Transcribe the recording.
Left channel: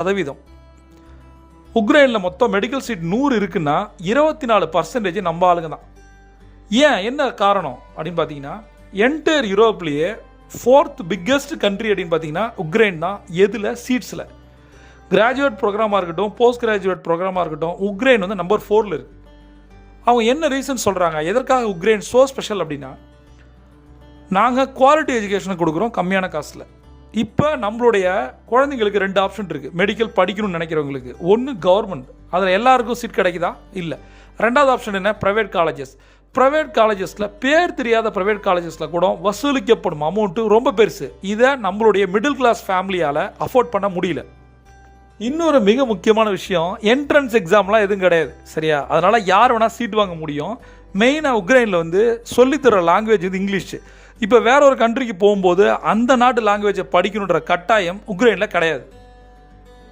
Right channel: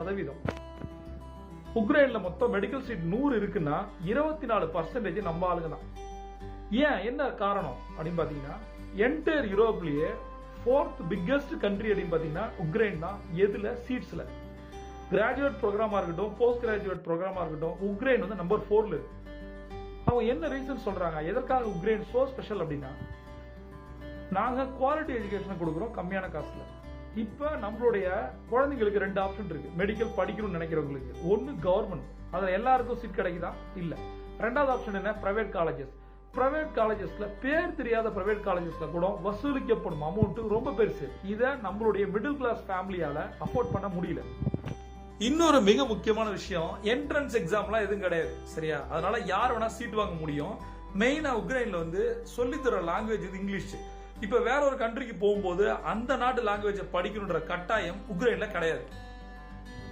சதவீதம். உக்ரைனில் மொத்தம் மெடிக்கல் சீட் 100 இருக்குன்னா 24% நம்ம ஆளுங்க தான். ஏன் என்ன காரணம் அப்படின்னு பார்த்தீங்கன்னா, என்டையர் யூரோப்லேயே 4th பிக்கஸ்ட் கண்ட்ரி அப்படின்னு பார்த்தீங்கன்னா உக்ரைன் தான். எதில்? சீட்ஸில். கிராஜுவேட் ப்ரோக்ராமாக இருக்கட்டும், போஸ்ட் கிராஜுவேட் ப்ரோக்ராமாக இருக்கட்டும், உக்ரைன் வந்து நம்பர் 4ல் இருக்குது. அவங்க என்ன ரீசன் சொல்கிறாங்க, எதற்காக உக்ரைன் ஸோ ஸ்பெஷல் அப்படின்னா, நாங்கள் குவாலிட்டி எஜுகேஷனை கொடுக்குறோம் கம்மியான காசில். இப்போ நம்மளுடைய குழந்தைங்களுக்கு 2 ஆப்ஷன் இருக்குது. மெடிக்கல் படிக்கணும்னு நினைக்கிறவங்களுக்கு, ஒன்று கவர்மெண்ட், அதில் எல்லாருக்கும் சீட் கிடைக்குதா? இல்லை. 2வது ஆப்ஷன் என்ன? Private colleges. ப்ரைவேட் காலேஜஸில் பேர் தெரியாத ப்ரைவேட் காலேஜஸில் கூட வசூலிக்கப்படும் அமௌண்ட்டு ரொம்ப பெருசு. இதை நம்மளுடைய மிடில் கிளாஸ் ஃபேமிலியால் அஃபோர்ட் பண்ண முடியல. இன்னொரு மிக முக்கியமான விஷயம், என்ட்ரன்ஸ் எக்ஸாம்லாம் எதுவும் கிடையாது, சரியா? அதனால் யார் வேணால் சீட் வாங்க முடியும். மெயினாக உக்ரைனில் வந்து சொல்லித்தர லாங்குவேஜ் வந்து இங்கிலீஷ். இப்போ வேற ஒரு கண்ட்ரிக்கு போகும்போது அந்த நாட்டு லாங்குவேஜை படிக்கணுன்ற கட்டாயம் உக்ரைனில் கிடையாது.